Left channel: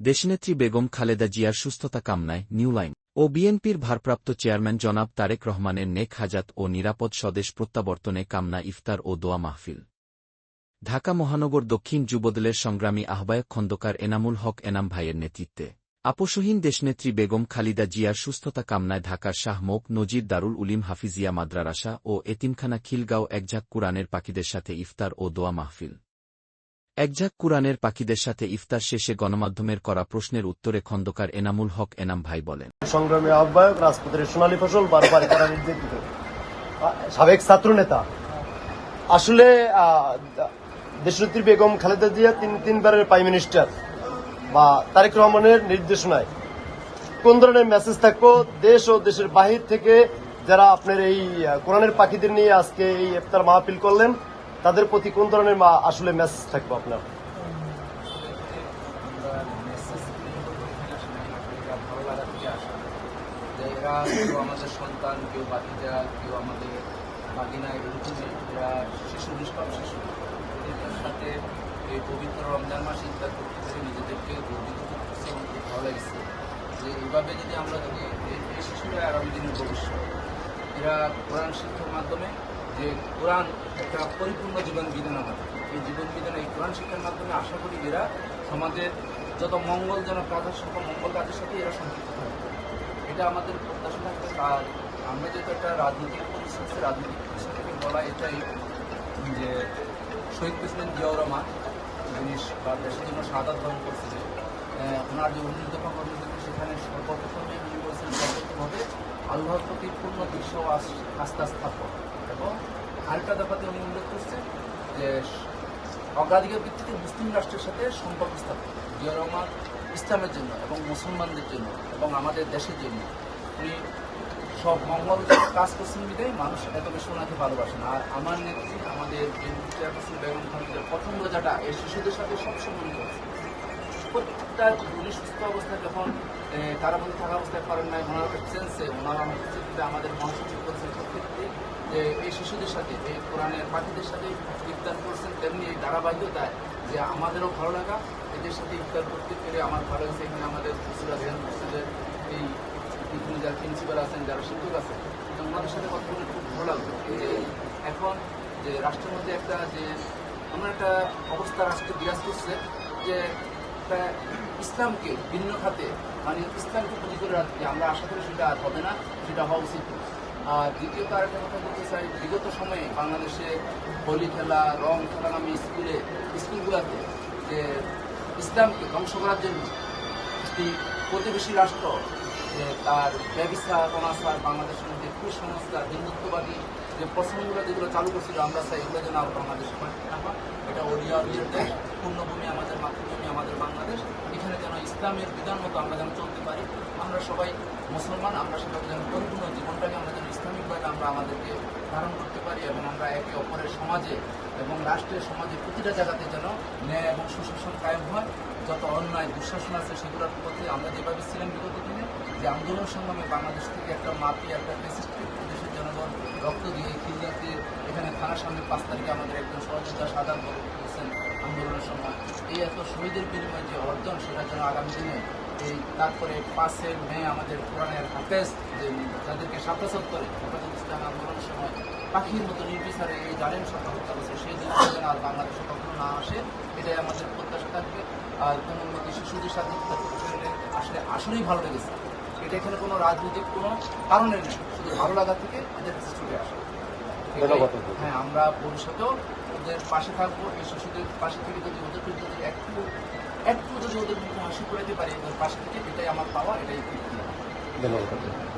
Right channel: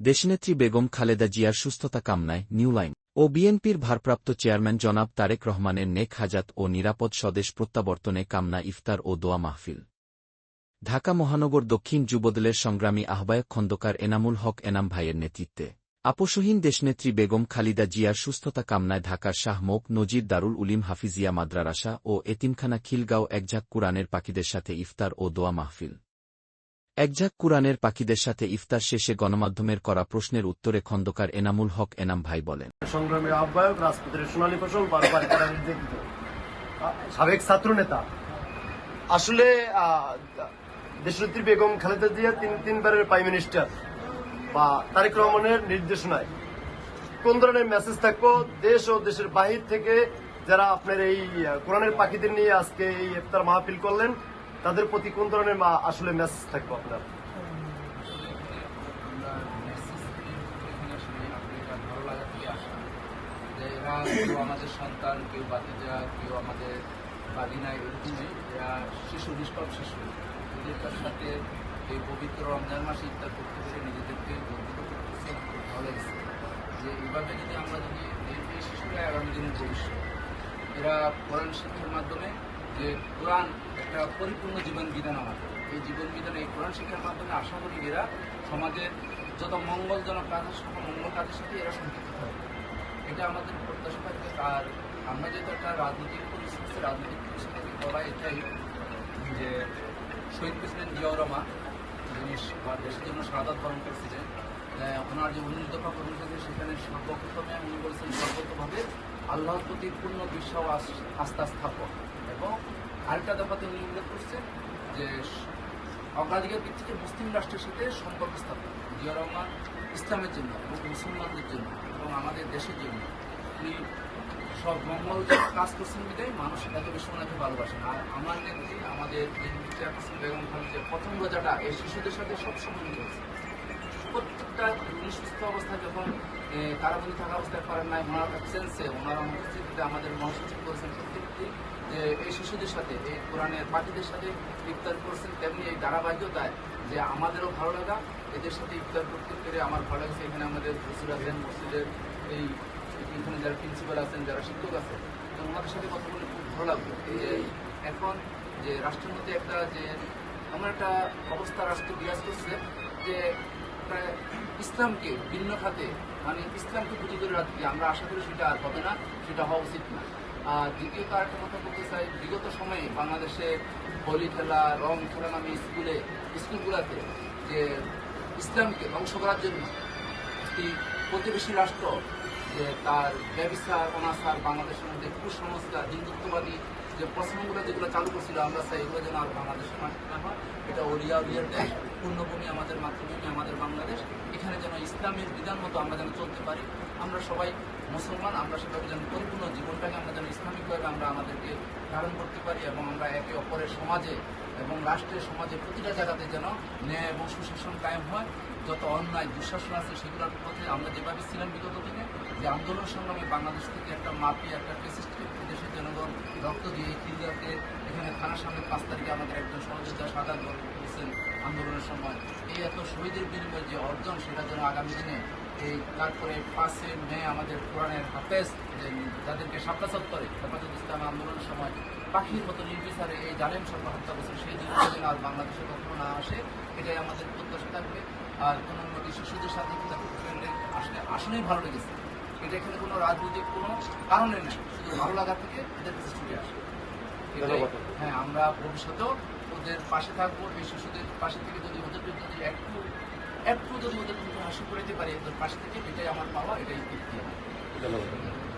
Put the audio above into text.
দেশনেত্রী বেগম খালেদা জিয়ার সুস্থতা কামনায় নিউ লাইন ও বিএনপির ভারপ্রাপ্ত চেয়ারম্যান জনাব তারেক রহমানের নেক হাজাত ও নিরাপদ স্বদেশ প্রত্যাবর্তনে কামনা, ইফতার ও দোয়া মাহফিল। ঢাকা মহানগর দক্ষিণ যুবদলের সংগ্রামী আহ্বায়ক খন্দকার এনামুল হক এনাম ভাইয়ের নেতৃত্বে। আপোষহীন দেশনেত্রী বেগম খালিদা জিয়ার সুস্থতা কামনায় ঢাকার শাহ মোক নজির দারুল উলিম হাফিজিয়া মাদ্রারাসা ও এতিমখানা খিলগাঁও একঝাক কুরআনের পাখিদের সাথে ইফতার ও দোয়া মাহফিল। একঝাক কুরআনের পাখিদের সাথে ইফতার শেষে গণমাধ্যমের করা প্রশ্নের উত্তরে খন্দকার এনামুল হক এনাম ভাই বলেন। সংগ্রামী আহ্বায়ক রাজপথের সোনালী ফসল বারবার করা নির্যাতিত। সাবেক ছাত্র নেতা আসলে আহ, দেশনেত্রী বেগম খালেদা জিয়া তিন তিনবারের প্রাইম মিনিস্টার বা তারেক রহমানের নির্দেশনায়। কোন ধরনের মেসেজ থাকব? দেশ ও দেশের বাহির থেকে যারা আপনার এই কোরআনের পাখিদের নিয়ে আজকে এই ইফতার মাহফিল করলেন তাদের প্রতি কোন ধরনের আসলে মেসেজ থাকবে আপনার? ভালো লাগা থেকে আসা। যে এরা কেউ আমাদের সন্তান, কেউ বাতিজা কেউ আমাদের বাগিনা এরকমই এরা শিশু, নিষ্পাপ শিশু। এদেরটার সাথে এই পবিত্র রমজান মাসে ইফতার করতে পেরে নিজেদেরকে গর্বিত করতেছে খুব ভালো লাগছে। যে এইভাবে যদি আমরা যদি এই শিশুরা আগামী দিনের ভবিষ্যৎ, এরা কোরআন শিক্ষার মাধ্যমে যে কোরআন একটা পরিপূর্ণ জীবন বিধান আমাদের। এই জীবন বিধান এই কোরআন শিক্ষার মাধ্যমে আশা করি এরা সমাজের যত মঙ্গলজনক কাজের সাথে মঙ্গল কাজের সাথে এরা সম্পৃক্ত থাকবে এটা আমাদের প্রত্যাশা থাকবে। আর আমরা যেটা একটা রাজনৈতিক পরিস্থিতি রাজনৈতিক পরিস্থিতি বলা এটাই যে শহীদ প্রেসিডেন্ট জিয়াউর রহমান বা দেশের জন্য সাদা বরণ করছিলেন ওনার যে উনিশ দফা কর্মসূচি সেখানে সর্বপ্রথমে উনি বলছেন সর্বপ্রথমভাবে আল্লাহর প্রতি পূর্ণ বিশ্বাস আস্থা স্থাপন এবং আরেকটা দফাতে উনি উল্লেখ করছেন যে অগ্রাধিকার ভিত্তিতে মুসলিম রাষ্ট্রের সাথে সম্পর্ক স্থাপন জিয়া ইসলামের জন্য এবং মুসলমানদের জন্য এবং আমাদের দেশের জন্য। তিনি সব মঙ্গল কাজ করছেন বিদায় মানুষ এত বেশি ওনাকে ভালোবাসেন। আর আমার নেত্রী, আমাদের চেয়ারপারসন বেগম খালিদের প্রথম রোজাটা এই শিশুদের সাথে সবসময় উনি করেছেন। প্রত্যেকটা উনি সুস্থ অবস্থায় যখন কারাবন্দী থাকা অবস্থায় পারেন নাই, ওনার সেন্সে ওনার অনুপস্থিতিতে আমাদের মহাসচিব করেছেন প্রত্যেকটি এই শিশুদের সাথে, এই কোরআনের পাখিদের সাথে ইফতার করছেন, তেমনি এই ধারাবাহিকতায় যে আমাদেরও ভালো লাগা, এদের সাথে ইফতার করতে পেরে আমার ভালো লাগছে। এখানে আমাদের হুসুর আছেন মসজিদের এই এখানে যারা প্রিন্সিপাল আছেন, যারা শিক্ষক আছেন ওনাদের সাথে কথা বলে খুব ভালো লাগল। যে এখন যে রাষ্ট্রের মধ্যে একটা যে, এমন একটা অবস্থা রাষ্ট্রে বিরাজ করছে যে একটা ইসলামকে ভিন্ন খাতে মানে ইসলামকে পুঁজি করে রাখছি আমরা আশা করি সেটা আর হবে না, সেটা হওয়া উচিত না। আর দ্বিতীয়ত আরেকটা কথা বলতে চাই, বিগত সময়ে বাংলাদেশে হোলি খেলা, রং খেলা নামে স্কুলে, স্কুলগুলোতে যে ইসলামকে ধ্বংস করার জন্য একটি প্রতিবেশী রাষ্ট্র, যে তার ব্যবসা অনাচার, বাংলাদেশের মধ্যে কুসংস্কার, হিন্দুত্ববাদী যে প্রশ্নগুলো যেগুলো চালু করছিল, আমরা চাই এগুলো যেন আর বাংলাদেশে না হয়। এটা ওড়িয়ার দেশ পূর্ণভূমি আমাদের মাতৃভূমি, আমাদের বাংলাদেশ। এখানে যেন ইসলামের বিধান মতো আমরা যেন চলতে পারি, আমরা সবাই মুসলমান, আমরা সবাই যেন পরিপূর্ণ জীবনটাকে আমরা যেন ইসলামিকভাবে আমরা আমাদেরকে ধারণ করতে পারি এবং আমরা একে অপরের সমাজে এবং রাষ্ট্রের সমাজে প্রতিটা জায়গাতে যেন ন্যায় এবং সুশাসন কায়েম হয়। যত অন্যায়, দুঃশাসন আছে সেগুলোর পথে আমরা যেভাবে ছিলাম বিগত দিনে, যে আন্দোলন সংগ্রামে বাংলাদেশ থেকে একটা মাফিয়া একটা ফেসিস্টকে দেশের জনগণ রক্ত দিয়ে খিলগাতে এখানে থানার সামনে পাঁচ তারিখে আমাদের একজন সহযোগিতা সাধারণ করেছেন আন্দোলনের সময়। এই এত শহীদের বিনিময়ে যে অর্জন সেটা যেন আগামী দিনে এই তারপরে পাঁচে মে আমাদের কোরআনের হাফেজ যাদেরকে সাপ্তা সত্তরে হেফাজত ইসলাম আন্দোলনের সময় পাখির মতো নির্বিচারে এই জানেন সব হত্যা করছে সেই জিনিসটা আর বাংলাদেশে কখনো না আসে। এটাই আমাদের প্রত্যাশা থাকবে। আর নদী শিশুদের সাথে আসলে আসলেই ভালো লেগেছে। এটা এখানে কোনো রাজনৈতিক কোনো কারণে নেই ভালো লাগা থেকে এদের কাছে ছুটে আসে। ধন্যবাদ। হ্যাঁ আমরা ভবিষ্যতেও ওদের পাশে থাকব এই শিশুদের পাশে থেকে যদি ওদের যদি একটু একটু যদি ওদের মুখে হাসি করাতে পারি ওদের পাশে থেকে এটাই আমার পাওয়া এটাই ধন্যবাদ।